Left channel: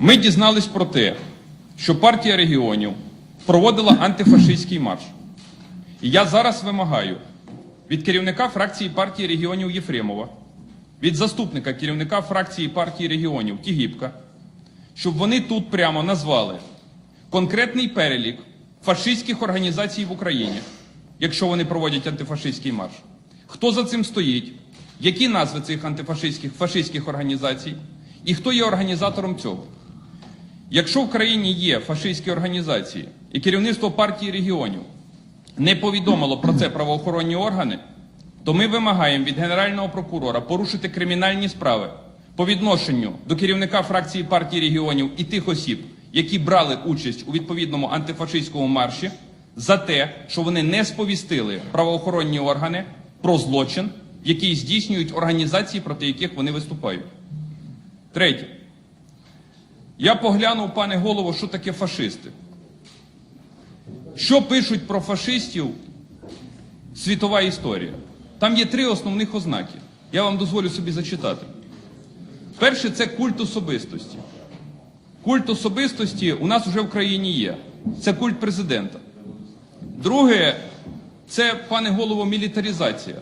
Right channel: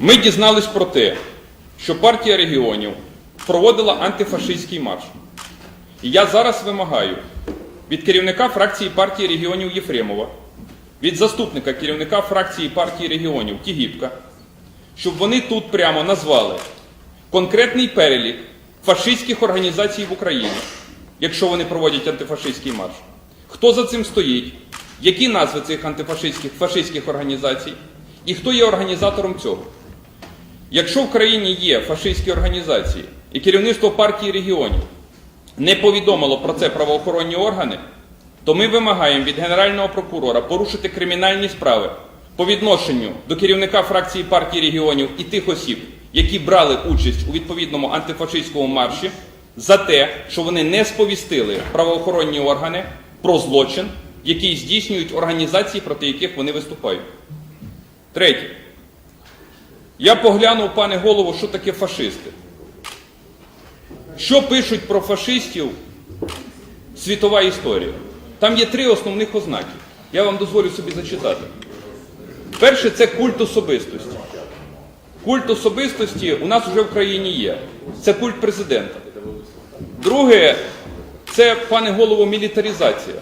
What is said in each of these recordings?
Ми дізнались про те, що партія регіонів проводила антифашистський марш. І я зараз вимагаю від керівника фракції партії регіонів Єфремова, від заступника керівника фракції партії регіонів Тігіпка, щоб вони тут прямо назвали конкретний перелік фашистських організацій в Україні, якщо вони проводять антифашистський марш. Хто за цим стоїть, які назви цих антифашистських фашистських організацій, і хто є організатором цього. Якщо в країні є фашистські організації і керівництво партії регіонів не повідомило про це правоохоронні органи, то ми вимагаємо від Генерального прокурора порушити кримінальні справи по відношенню до керівника фракції партії регіонів і тих осіб, які брали участь у відповідному антифашистському марші, за те, що вони не сповістили правоохоронні органи про злочин, який здійснюють організації, проти яких вони виступають. Третє. Я поглянув, пане голово, що таке фашисти. Що пишуть про фашистів світова історія? Там є три основних ознаки. Я вам дозволю собі зачитати. Перше це культ особистості. Культ особистості у нас вже в країні є. Це культ президента. Друге, це, пане голово, мілітаризація.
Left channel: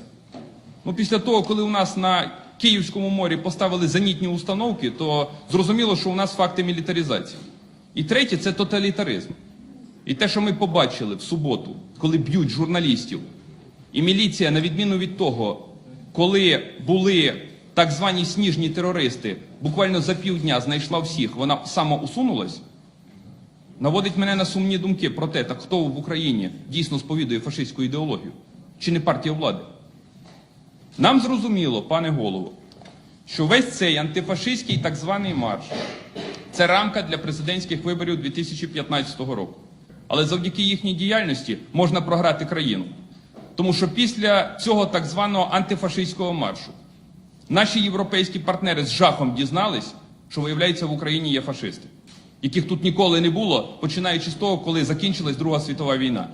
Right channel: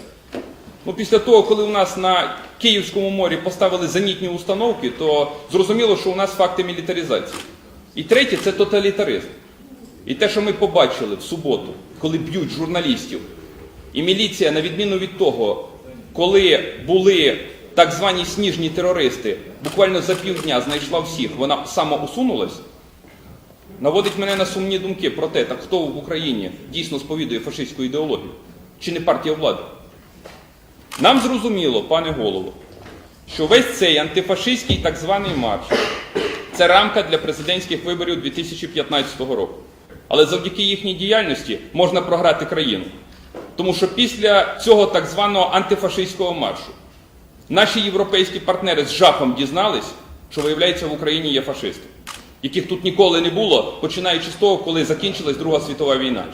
Ну, після того, коли у нас на Київському морі поставили зенітні установки, то зрозуміло, що у нас факти мілітаризації. І третє це тоталітаризм. І те, що ми побачили в суботу, коли б'ють журналістів, і міліція, на відміну від того, коли були так звані сніжні терористи, буквально за півдня знайшла всіх, вона самоусунулась, наводить мене на сумні думки про те, так хто в Україні дійсно сповідує фашистську ідеологію, чи не партія влади. Нам зрозуміло, пане голово, що весь цей антифашистський так званий марш це рамка для президентських виборів 2015 року. Але завдяки їхній діяльності можна програти країну. Тому що після цього так званого антифашистського маршу наші європейські партнери з жахом дізнались, що виявляється в Україні є фашисти, яких тут ніколи не було, починаючи з того, коли закінчилась Друга світова війна.